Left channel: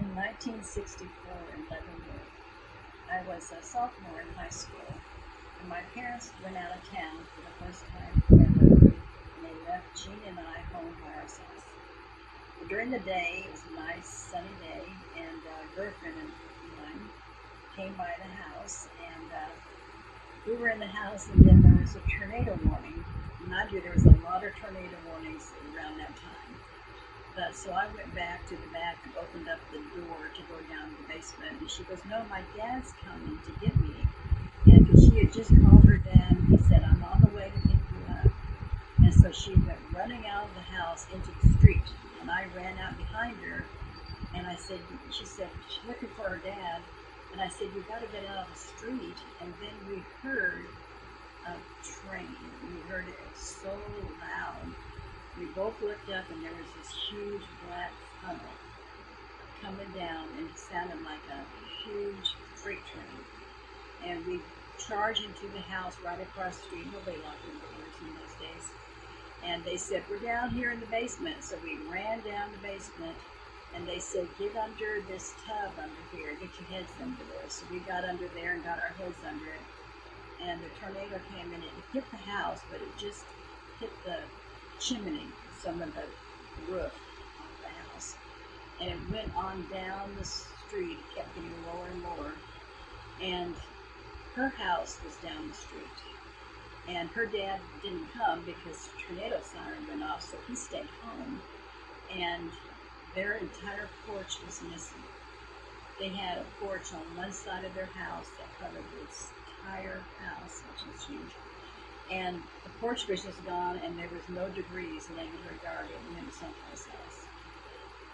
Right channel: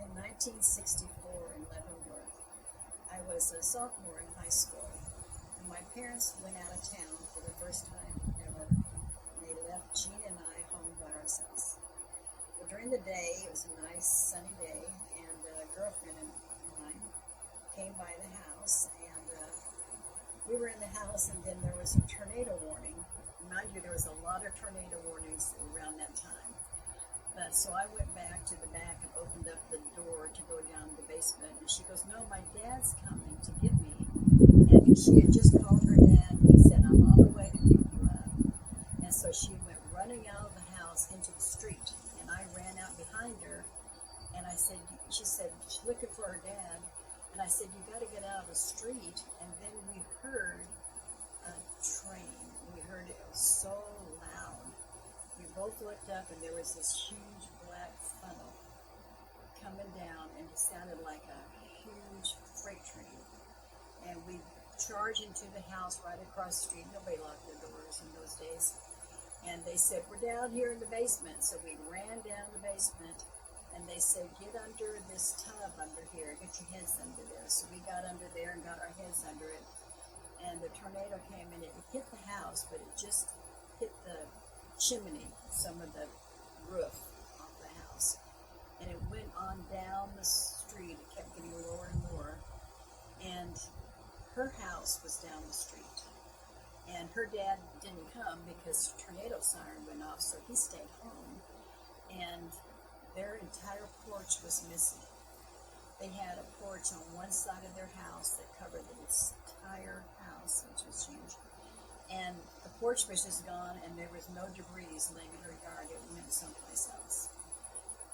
In 1964 in Leavenworth, I was a sophomore in high school, and my parents went out of town for the first time ever, and they left Jean and I home by ourselves. Well, during the day, it was a nice sunny day, and a girlfriend of mine came by the house, and we were in the house, and then there was a tornado warning. Mind you, there was a lot of tornado warnings around that time. So I went back to the back and opened up the door to go down to the basement, and she goes, "No, my dad's coming to get me." And she had just called her dad, and he said, "I'm on the way to pick you up." And so she went running out of the house into the street, and I ran out behind her, and she said, she's looking for her dad, and I said, "You got to get out of the street." And then we heard a train. We heard it so loud. We both looked up, and there was this huge black funnel coming down, and it sounded like a huge freight train. And we charged into the house right across the street. Nobody locked their doors in those days. And they said, "We're down here in the basement." So we ran down the basement, and they said, "Get under this tub under here. Get your heads under there." So we got under there and got our heads under it. And the tornado came in. It hit the house, but it just hit the chimney, some of the roof of the house, and it went on down the street. It kept getting lower and lower, and her house was down the street, and her dad didn't come because the tornado siren went off, so he stayed home, and their entire porch was missing. They had a porch on one side of their house that covered the entire house, which was huge. And the porch was just gone, and there was no debris laying in her yard. It went someplace else.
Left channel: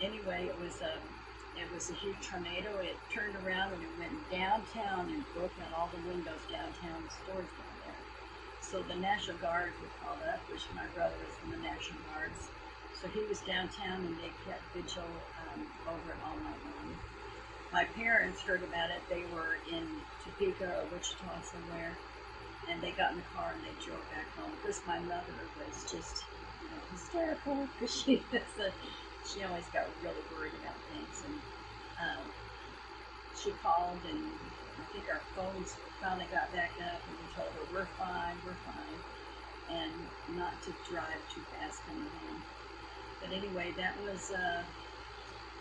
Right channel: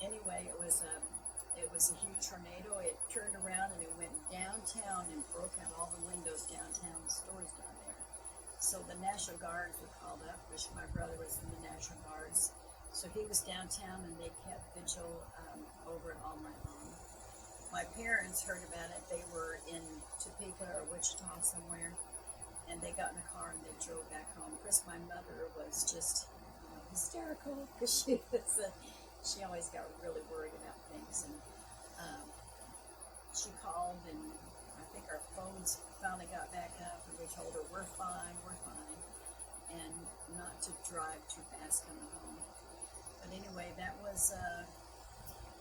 Anyway, it was a huge tornado. It turned around and it went downtown and broke out all the windows downtown, the stores down there. So the National Guards were called up, which my brother was in the National Guards. So he was downtown, and they kept vigil over it all night long. My parents heard about it. They were in Topeka or Wichita somewhere. And they got in the car and they drove back home. Because my mother was just, hysterical. Because she always got really worried about things. And she called, and I think our phones finally got back up, and we told her, we're fine, and not to drive too fast coming home. But anyway, that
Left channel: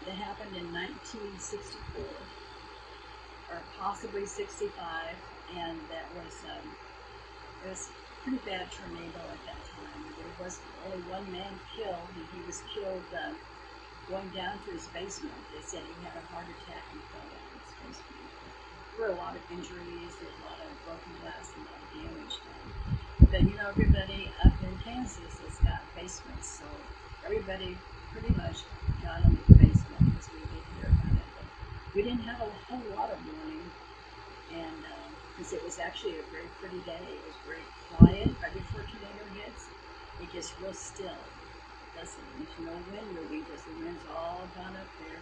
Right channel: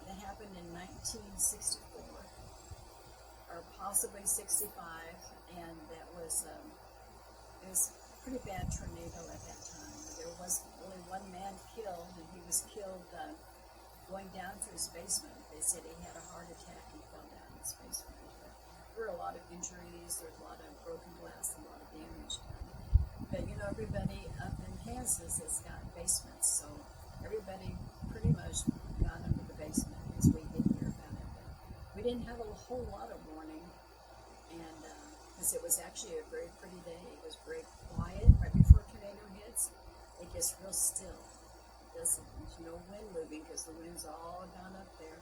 happened in 1964, or possibly 65, and that was. It was a pretty bad tornado at that time. There was only one man killed, and he was killed going down to his basement. They said he had a heart attack and fell down his basement. But there were a lot of injuries, there was a lot of broken glass, and a lot of damage done. But everybody up in Kansas has got basements, so everybody pretty much got into the basement because we did hear about it. But we didn't have a whole lot of warning, and because it was actually a very pretty day. It was very quiet right before a tornado hits. It gets real still. There's no wind moving because the wind's all gone up there.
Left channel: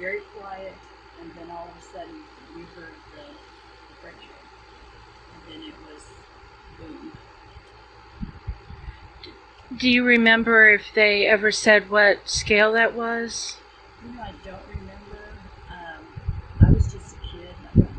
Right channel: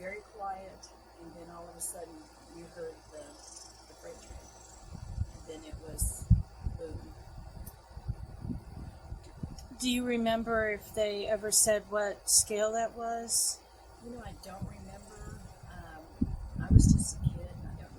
Very quiet, and then all of a sudden we heard the freight train. And then it was boom. Do you remember if they ever said what scale that was? I don't remember. I was just a kid, and I don't